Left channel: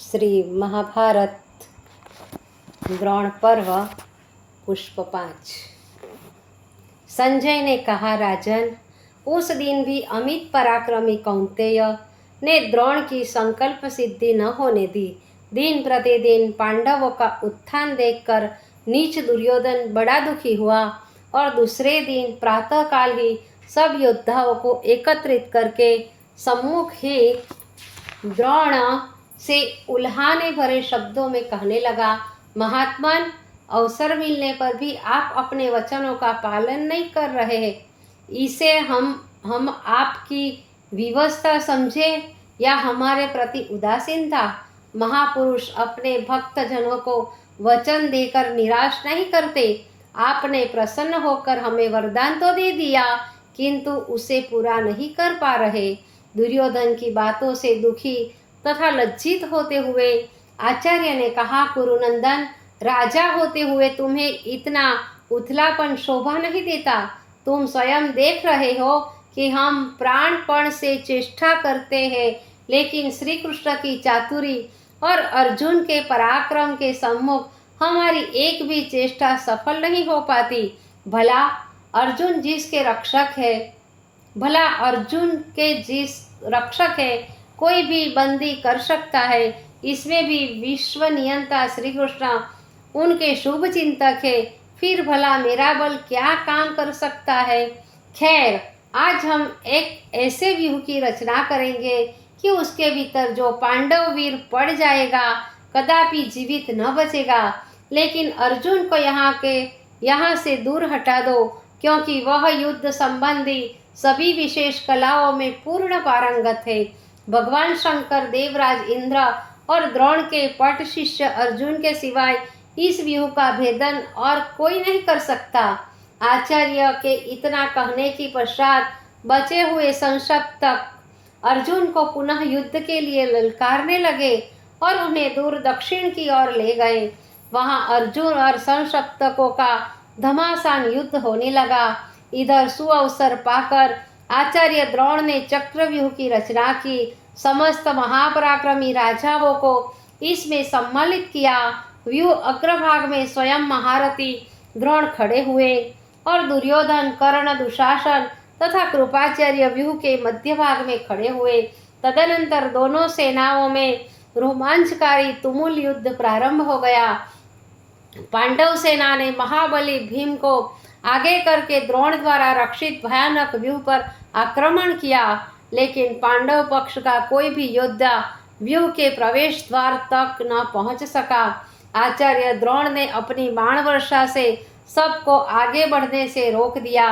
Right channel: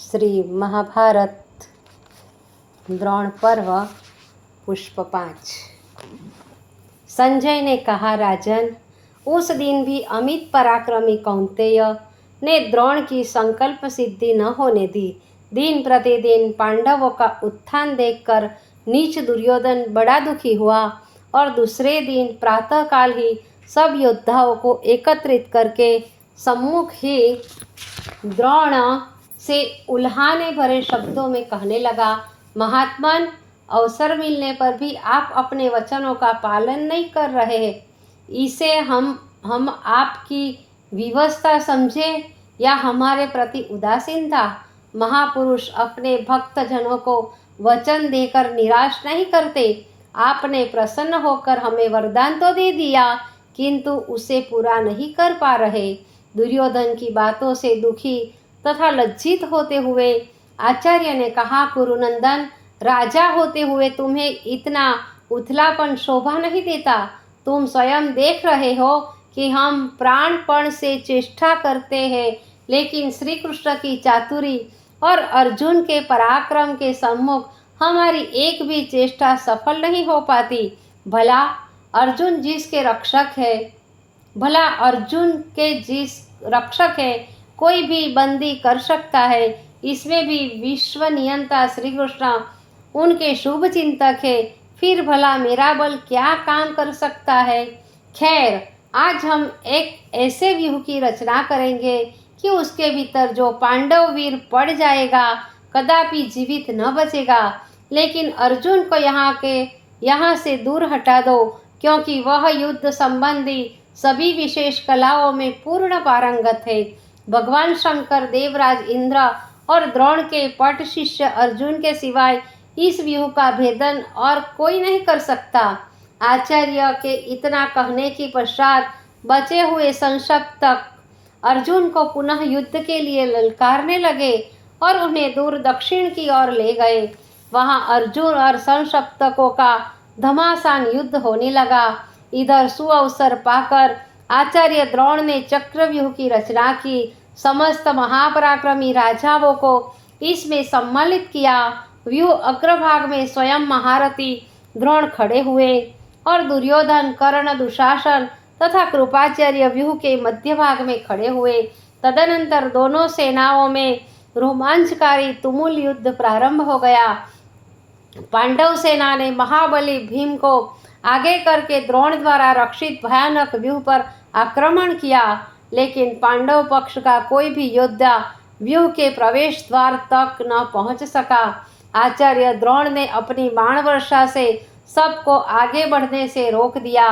श्री महाभारत द्रोण पर्व पुष्प 5। संजय ने कहा, राजन, उस दिन भी अमित पराक्रमी कौंतेय ने द्रोण की संकल्प सिद्धि न होने दी। दिन प्रतिदिन पांडवों का उत्थान देखकर नीच दुर्योधन बड़ा दुखी हुआ और दूसरे दिन प्रातःकाल ही सब योद्धाओं को एकत्रित करके सम्मुख ही द्रोण से उल्हाने भरे शब्दों में कहने लगा, महात्मन, अवसर मिलने पर भी आप अपने वचनों का पालन नहीं कर रहे हैं। इसे हम आपकी विवशता समझे या हमारे प्रति उदासीनता? महापुरुष अपने भक्तजनों को वचन देकर निराश नहीं करते। आपने प्रसन्न होकर हमें वरदान तो दे दिया, किंतु उसे पूरा नहीं कर पा रहे। दुर्योधन की बातों से दुखी तथा लज्जित होते हुए आचार्य ने कहा, कुरुनंदन, राजा होते हुए तुम्हें इतना उथलापन शोभा नहीं देता। तुम स्वयं देख रहे हो कि हम प्राणपण से चेष्टा करते हैं, लेकिन श्री कृष्ण की चातुरी और अर्जुन के पराक्रम के सम्मुख हमारी एक भी चेष्टा सफल नहीं हो पाती। भला अर्जुन जिसके रक्षक है कोई भी बंदी कर सकता है। इसमें भी विश्व नियंता श्री कृष्ण उनके शुभ चिंतक है। फिर भला मेरा बल क्या काम कर सकता है? खैर, आज हम एक ऐसे व्यूह की रचना करेंगे कि उसके भीतर जो पांडव वीर पड़ जाएगा कदापि जीवित न बचेगा। लेकिन अर्जुन को यहाँ से दूर हटा दो, क्योंकि वह युद्ध संबंधी सभी विशेष कलाओं में पूर्ण पारंगत है। भगवान शंकर, देवराज इंद्र और द्रोण के पट शिष्य अर्जुन के सिवाय इस व्यूह का भेदन और कोई नहीं कर सकता। आचार्य के इतना कहने के पश्चात बचे हुए संशप्तक अर्जुन को पुनः युद्ध के लिए ललकारने लगे और उन्हें दूर दक्षिण की ओर ले गए। वहां अर्जुन और संशप्तकों का घमासान युद्ध होने लगा। इधर सुअवसर पाकर आचार्य द्रोण ने चक्रव्यूह की रचना की। समस्त महापराक्रमी राजाओं को इसमें सम्मिलित किया। व्यूह अग्रभाग में स्वयं महारथी द्रोण खड़े हुए और दुर्योधन, कर्ण, दुशासन तथा कृपाचार्य व्यूह के मध्य भाग में खड़े हुए। तदनंतर दोनों सेनाओं में रोमांचकारी तुमुल युद्ध प्रारंभ हो गया। पांडव सेना ने महाबली भीम को आगे करके द्रोण द्वारा रक्षित भयानक व्यूह पर आक्रमण किया, लेकिन पांडव पक्ष का कोई भी योद्धा व्यूह के प्रवेश द्वार तक न पहुंच सका। आचार्य द्रोण ने अपनी बाण वर्षा से सबको आगे बढ़ने से रोक दिया।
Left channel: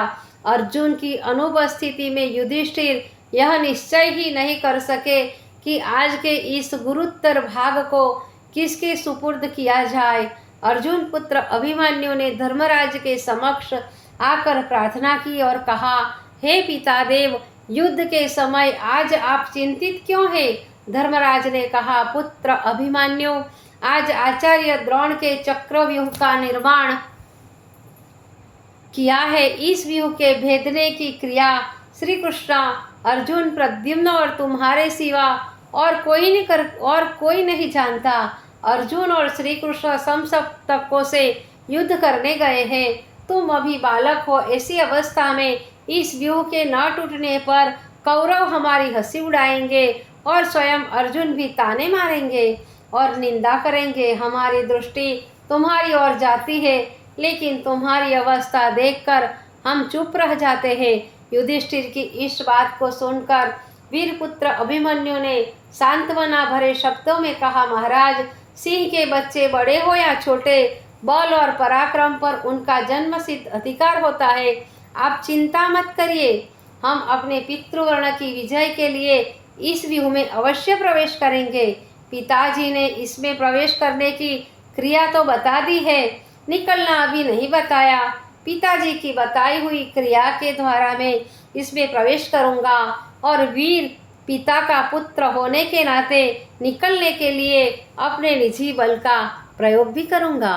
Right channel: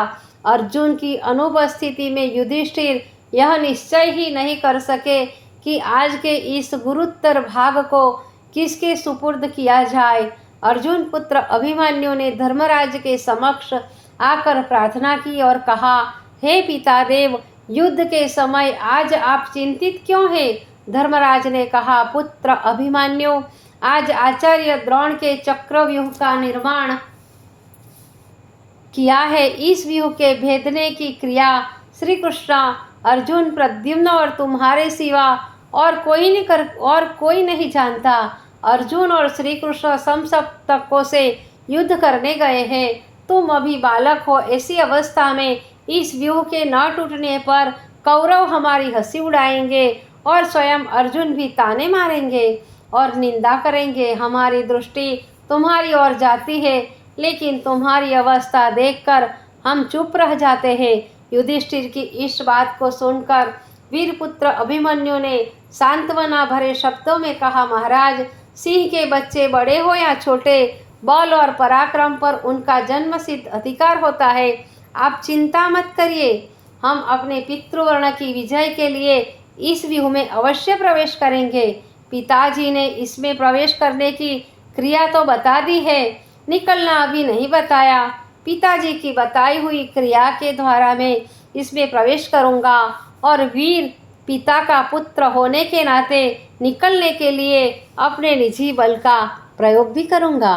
अर्जुन की अनुपस्थिति में युधिष्ठिर यह निश्चय ही नहीं कर सके कि आज के इस गुरुत्तर भाग को किसके सुपुर्द किया जाए। अर्जुन पुत्र अभिमन्यु ने धर्मराज के समक्ष आकर प्रार्थना की और कहा, हे पितादेव, युद्ध के समय आज आप चिंतित क्यों हैं? धर्मराज ने कहा, पुत्र अभिमन्यु, आज आचार्य द्रोण के चक्रव्यूह का निर्माण किया है। इस व्यूह के भेदने की क्रिया श्री कृष्ण, अर्जुन, प्रद्युम्न और तुम्हारे सिवा और कोई नहीं जानता। अर्जुन और श्री कृष्ण समसप्तकों से युद्ध करने गए हैं। तुम अभी बालक हो। ऐसी अवस्था में इस व्यूह के न टूटने पर कौरव हमारी हंसी उड़ाएंगे और स्वयं अर्जुन भी ताने मारेंगे और निंदा करेंगे। हमारी दृष्टि तुम्हारी ओर जाती है, लेकिन तुम्हारी अवस्था देखकर हम चुप रह जाते हैं। युधिष्ठिर की इस बात को सुनकर वीरपुत्र अभिमन्यु ने सांत्वना भरे शब्दों में कहा, महाराज, सिंह के बच्चे बड़े हो या छोटे, बल और पराक्रम पर उनका जन्मसिद्ध अधिकार होता है। आप चिंता मत करिए। हम अपने पितृवर्ण की विजय के लिए इस व्यूह में अवश्य प्रवेश करेंगे। पिताजी ने इसमें प्रवेश करने की क्रिया तो बता दी है, निकलना अभी नहीं बताया। पिताजी की बताई हुई क्रिया के द्वारा मैं इसमें प्रवेश करूंगा और वीर पिता का पुत्र होने के नाते निकलने के लिए अपने निजी बल का प्रयोग भी करूंगा।